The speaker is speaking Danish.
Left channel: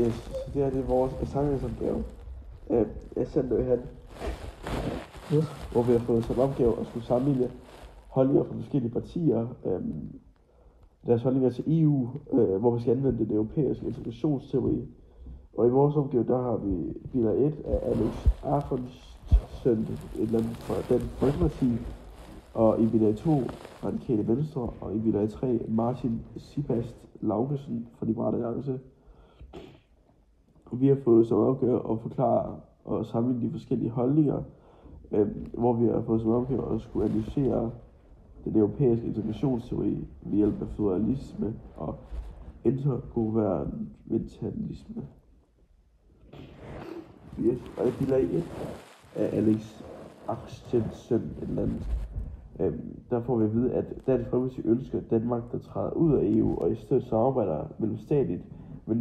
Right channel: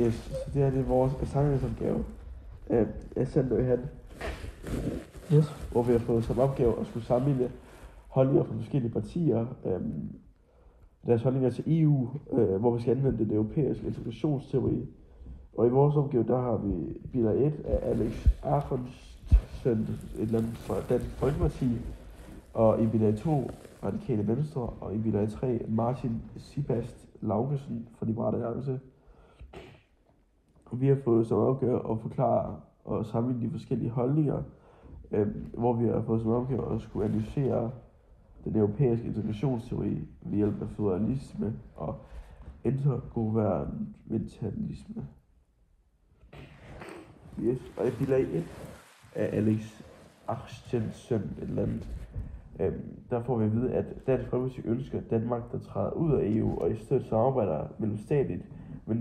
Yes, så det er vores samlingsopgave af Sandberg her. Yes. Hvor vi har fået som opgave at skulle sammenligne holdninger fra forskellige partier. Deres holdninger til EU, hvor vi skal anvende den europæiske integrationsteori. Og i vores opgave, der har vi bilag 1 af Alex Ahrendtsen, et eller andet fra Dansk Folkeparti. Og i bilag 2, Radikale Venstre, og i bilag 3, Martin Sibast Laugesen fra Liberal Alliance. Vi har fået som opgave at forklare og sammenligne de forskellige holdninger, hvor vi har fået som opgave at skulle analysere den europæiske integrationsteori ved hjælp af føderalisme og intergovernmentalisme. Yes. Og i bilag 1 af Alex Ahrendtsen, der får vi at vide, at Dansk Folkeparti ønsker Danmark, der træder ud af EU og i stedet samarbejder mellemstatligt med